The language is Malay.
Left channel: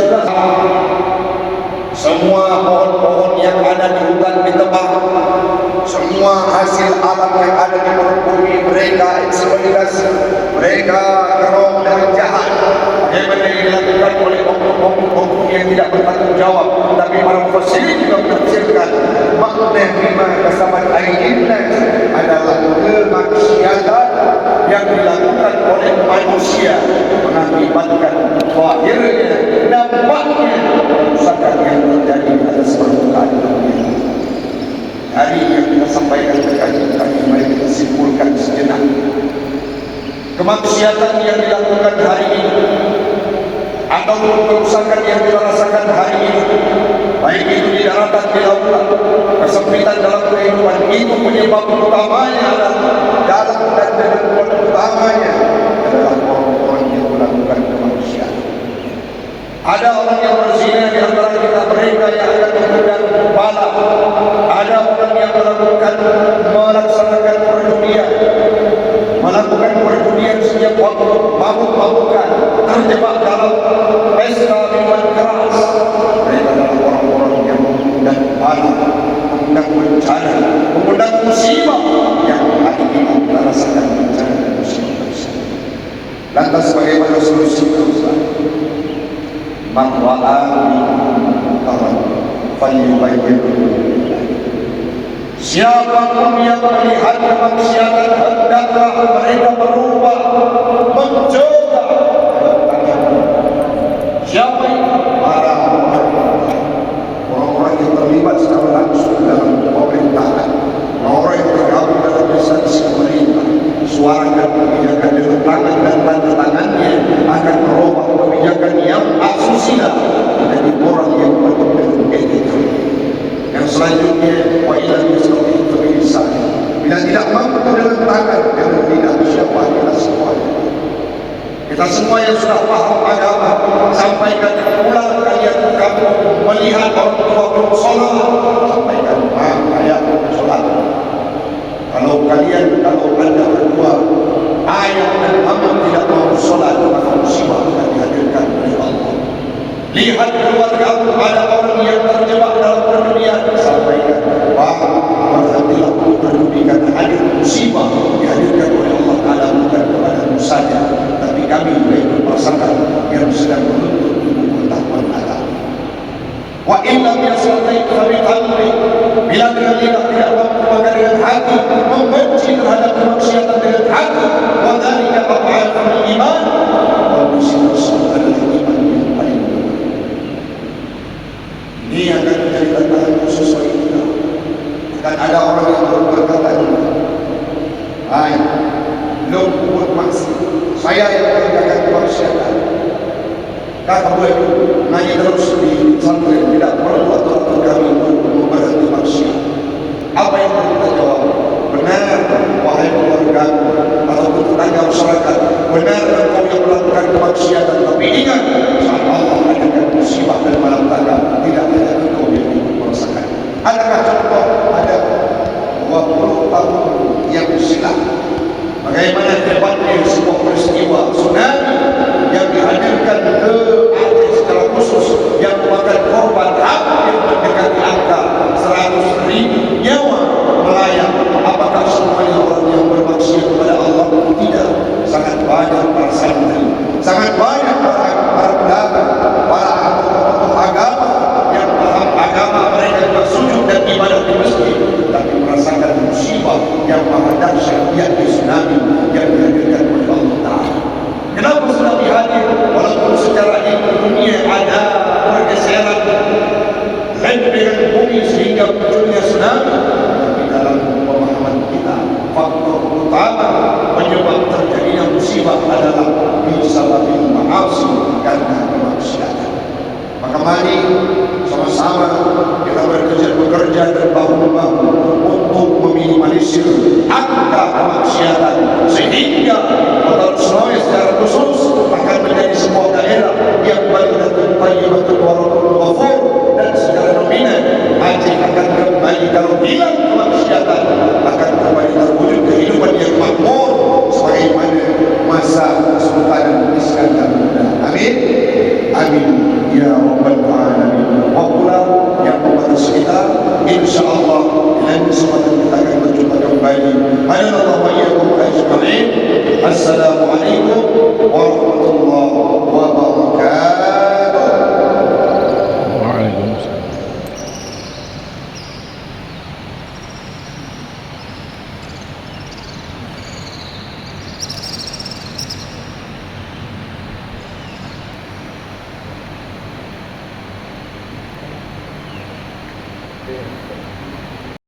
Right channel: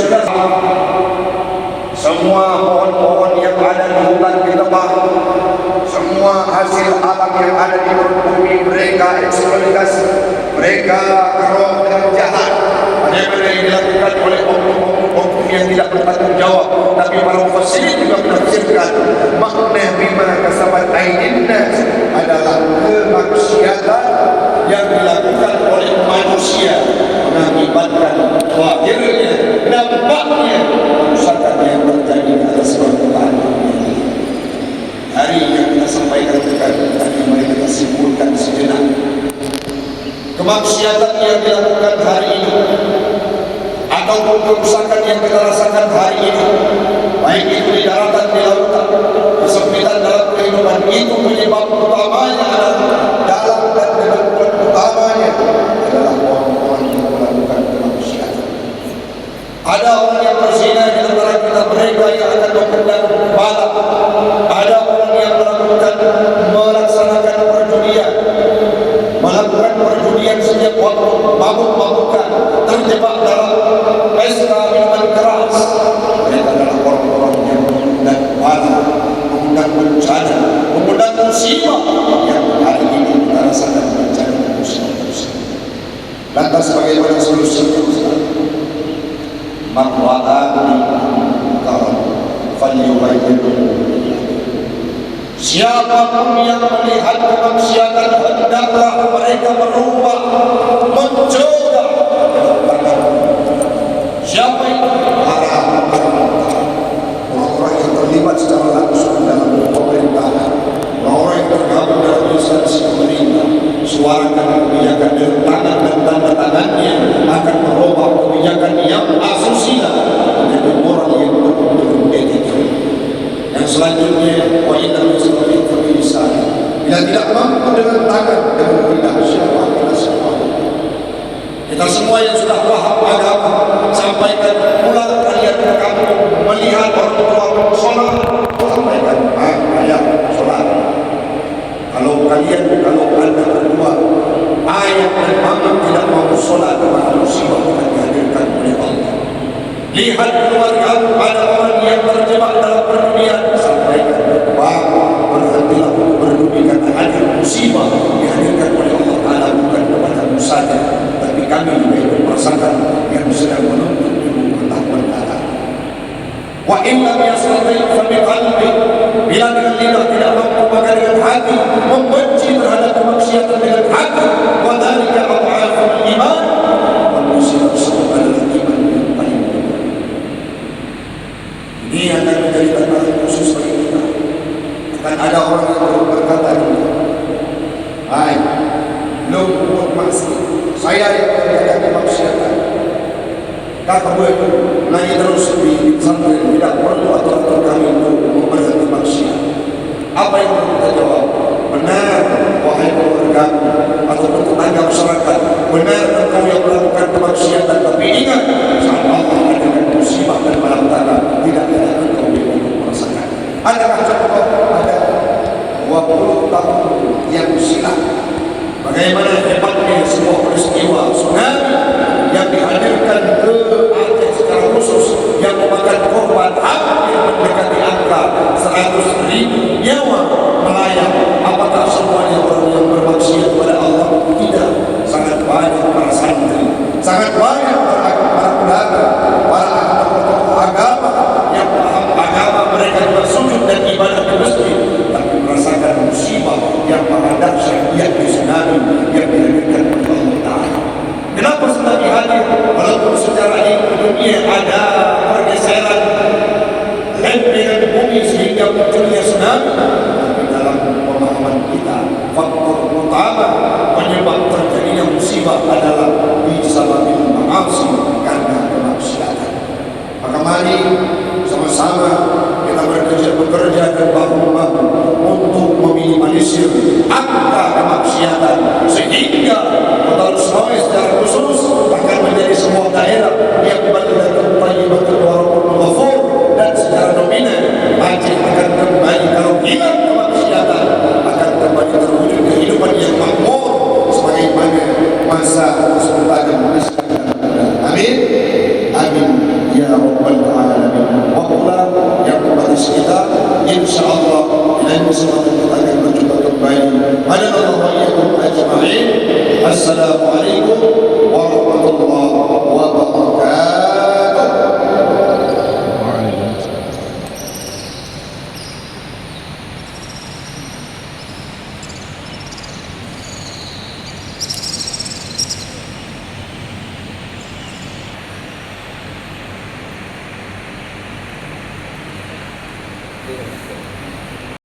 sudah semua pohon-pohon yang ada di hutan di tebak, semua hasil alam yang ada di bumi, mereka eksploitasi, mereka keroh dan jahat. Mereka yang dilakukan oleh oknum-oknum yang tidak bertanggung jawab. Tapi para mufassirin juga menafsirkan makna bima kasabat aydin nas adalah kemaksiatan yang dilakukan oleh manusia mengakibatkan akhirnya dampaknya kerusakan yang terjadi pada permukaan bumi. Hari yang kita sampaikan tadi, mari kita simpulkan sejenak. Kemaksiatan yang dilakukan hari ini ataupun kerusakan yang kita rasakan hari ini, baik itu di daratan, di lautan, kesempitan dalam kehidupan, itu penyebab utamanya adalah dalam dan dalam utamanya adalah orang-orang yang melakukan kemaksiatan. Ada orang yang berzina di antara kita, mereka yang akan mengundang bala. Ada orang yang melaksanakan perjudian, melakukan perjudian setiap waktu, mabuk-mabukan, terjebak dalam pesta minuman keras. Mereka adalah orang-orang yang mengundang bala, mengundang bencana, mengundang musibah yang hari ini kita rasakan bencana musibah. Lantas bagaimana solusinya? Siapapun yang melihat kemaksiatan, hendaklah mereka berubah, mencoba. Siapa itu? Para orang-orang yang terlibat secara langsung dalam pemerintahan, orang yang tergabung dalam instansi pemerintah. Suarakan kebijakan dengan tangan dan tanda tangannya akan merubah kebijakan yang asusila menjadi orang yang berpenuh etika. Yang selanjutnya, wa inna yusrifin fi lisan. Bila tidak mampu dengan tangan, dengan lidah, siapa kita semua? Kita semua yang sudah paham agama, sampaikan pula kalian ke kampung melihat orang tua sholat, sampaikan ayat sholat. Kalau anda kedua ayat dan mama tidak mau sholat, musibah akan dihadirkan oleh Allah. Lihat keluarga, ada orang yang terjebak dalam perdunia, sampaikan berhentilah berduri karena hadir musibah dihadirkan oleh Allah Ta'ala, bukan kepadamu saja, tapi kami juga ikut merasakan yang sedang menuntut ilmu pengetahuan Allah. Wa illam yastati' fa biqalbi, bila dengan lidah tidak mampu maka dengan hati, membenci terhadap kemaksiatan dengan hati. Wa dzalika adhaful iman, manusia adalah iman yang paling mulia. Ini akan menjadi tantangan khusus bagi kita. Dan ada orang yang berkata, baik, belum buat maksud saya yang mengerjakan kemaksiatan, kata boleh naik terus di pesantren, tidak perlu atau kami untuk memberhenti maksiat. Apa yang perlu kita jawab? Benar, wahai keluarga atau tetangga masyarakat, benar engkau yang